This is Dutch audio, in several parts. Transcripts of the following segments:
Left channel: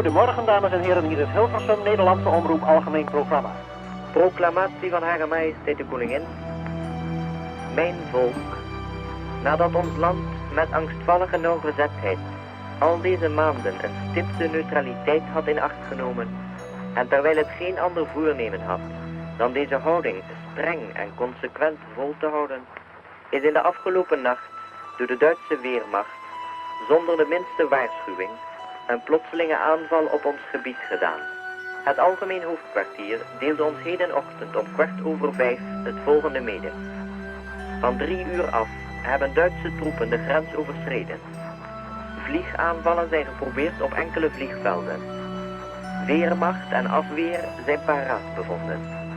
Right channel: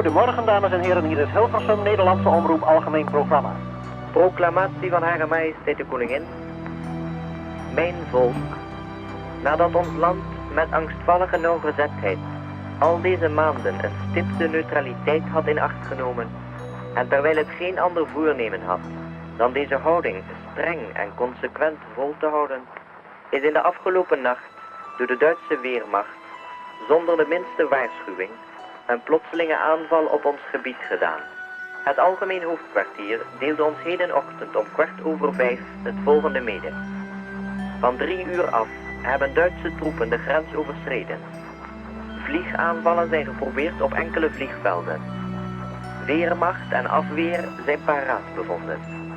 Goedemorgen dames en heren, hier is Hilversum, Nederlandse Omroep, Algemeen Programma. Proclamatie van Hare Majesteit de Koningin. Mijn volk, nadat ons land met angstvallige nauwgezetheid al deze maanden een stipte neutraliteit had in acht genomen, en terwijl het geen ander voornemen had dan deze houding streng en consequent vol te houden, is in de afgelopen nacht door de Duitse Weermacht zonder de minste waarschuwing een plotselinge aanval op ons gebied gedaan. Het algemeen hoofdkwartier deelde ons hedenochtend om 5:15 het volgende mede. Van 3 uur af hebben Duitse troepen de grens overschreden. Vliegaanvallen zijn geprobeerd op enkele vliegvelden. Weermacht en afweer zijn paraat bevonden.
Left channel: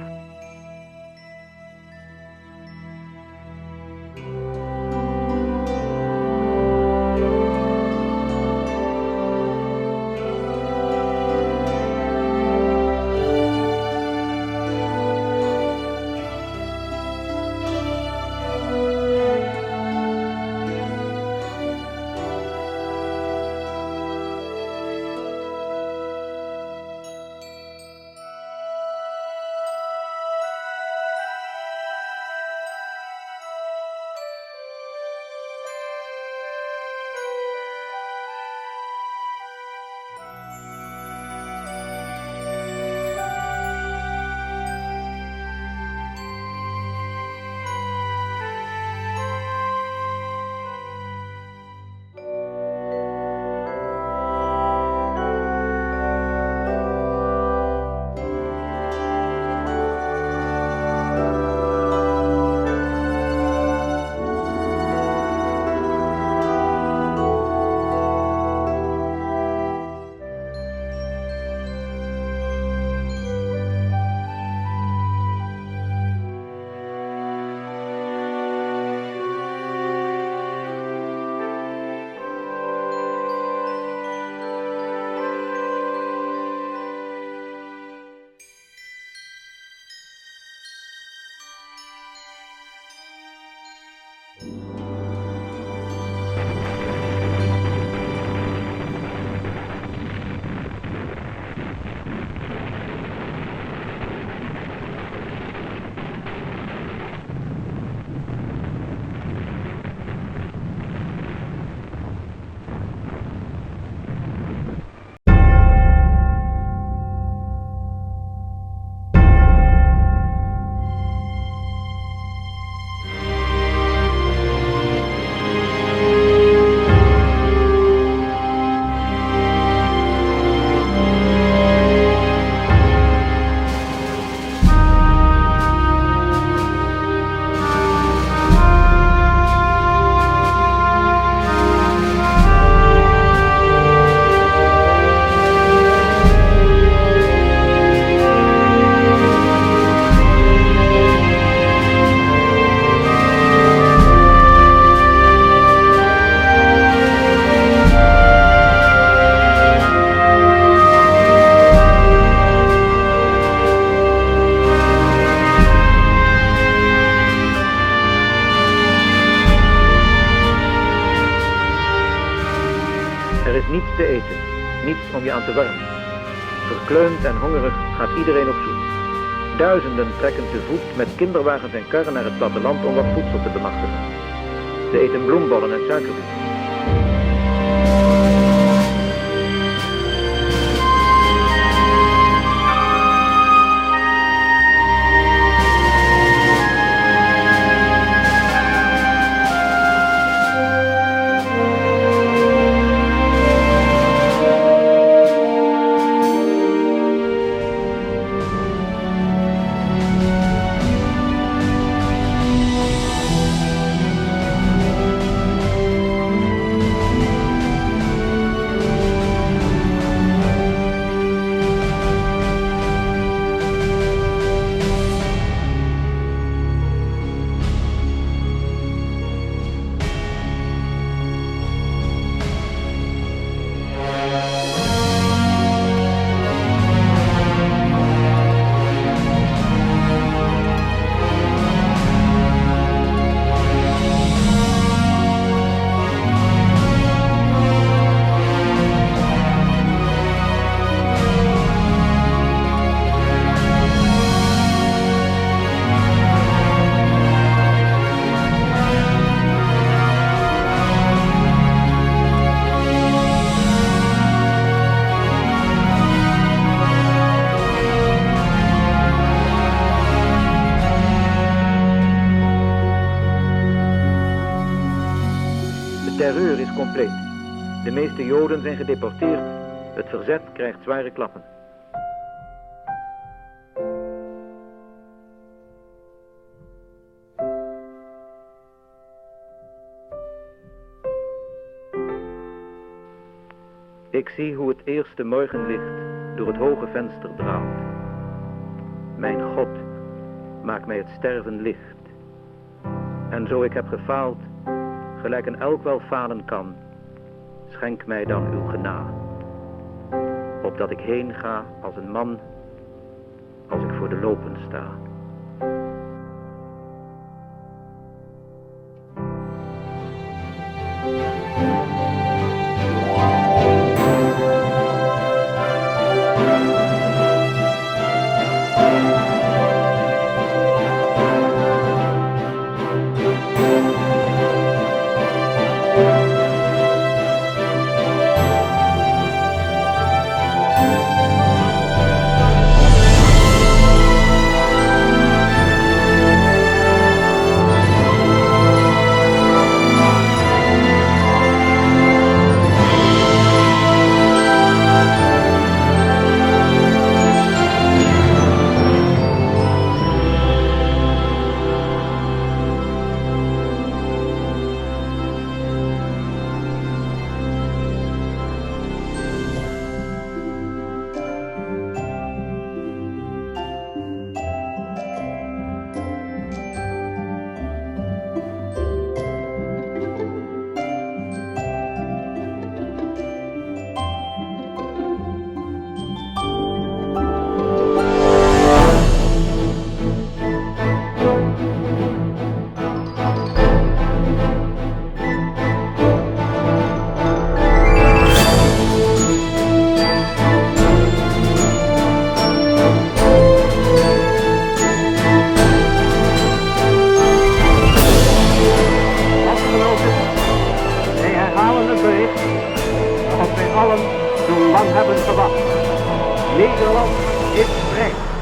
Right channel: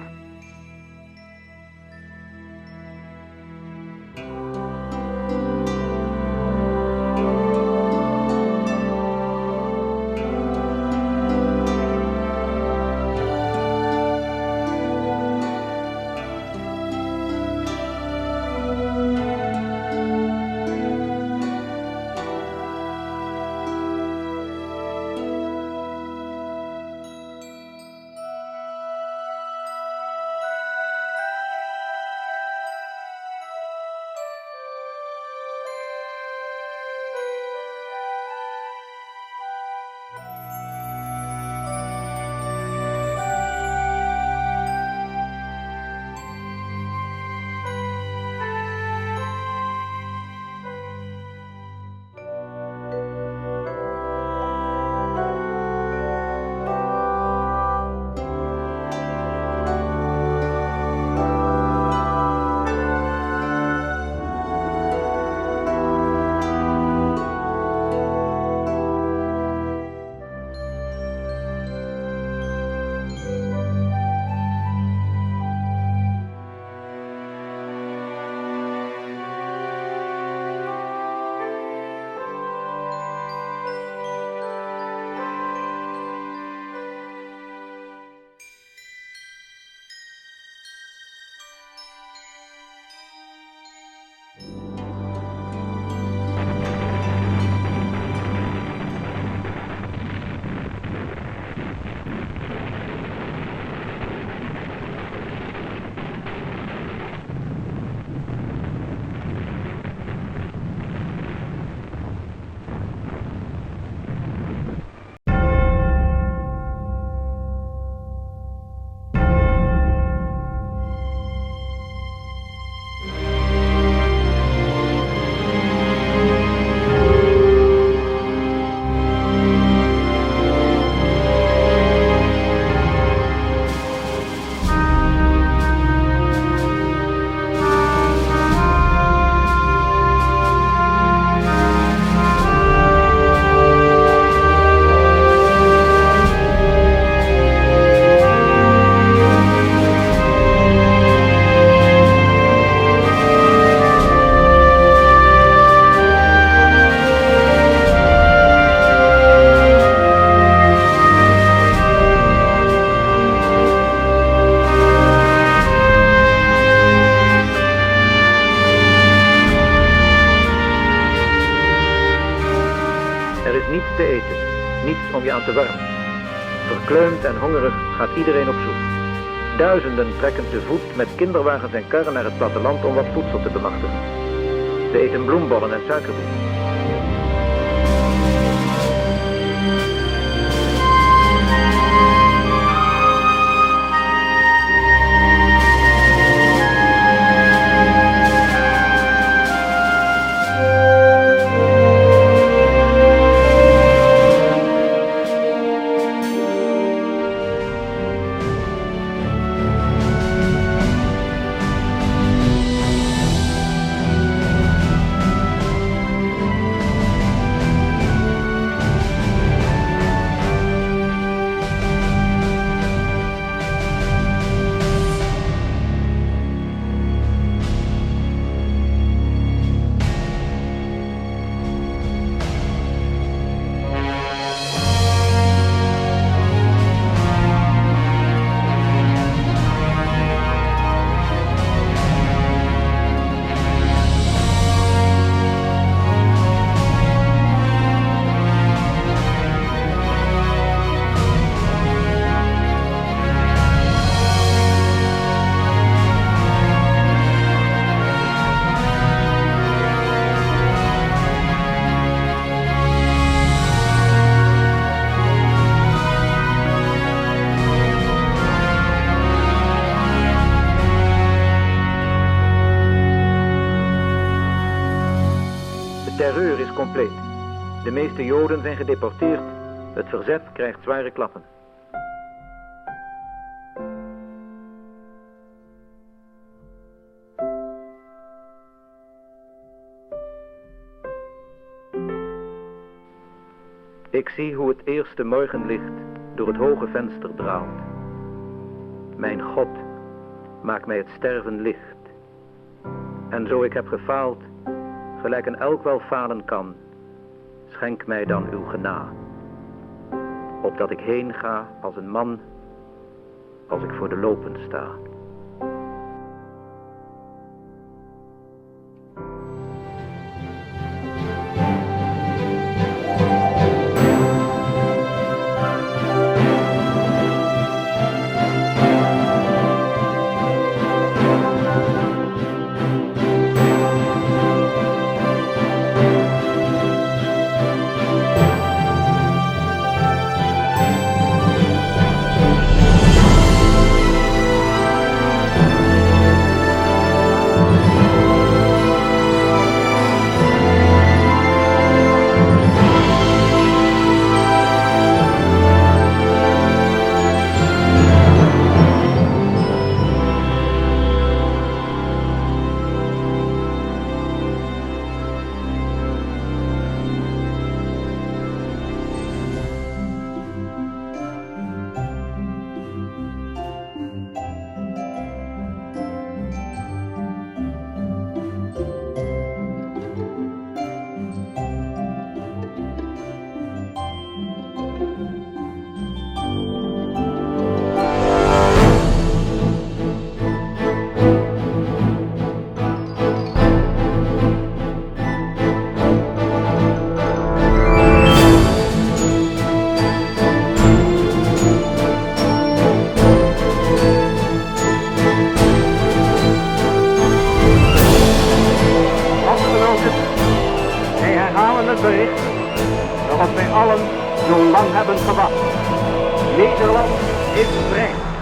Niets te eten, niets om je aan te warmen. Verkleumd en hongerig gaat iedereen op zoek. Duizenden trekken te voet met kinderwagens en karren naar het platteland om wat voedsel te bemachtigen. Ze eten bloembollen en suikerbieten. terreur is compleet. De meeste Joden zijn gedeporteerd. Het verzet krijgt zware klappen. Ik zie hoe het eerste morgenlicht door het hoge venster draalt. Mijn God, maak mij het sterven licht. En zo ik heb gefaald, gelijk een elk wel falen kan, schenk mij dan uw genade. Opdat ik heen ga als een man, als ik voor de lopen sta. Zo lang hebben gewacht. Nederland is vrij.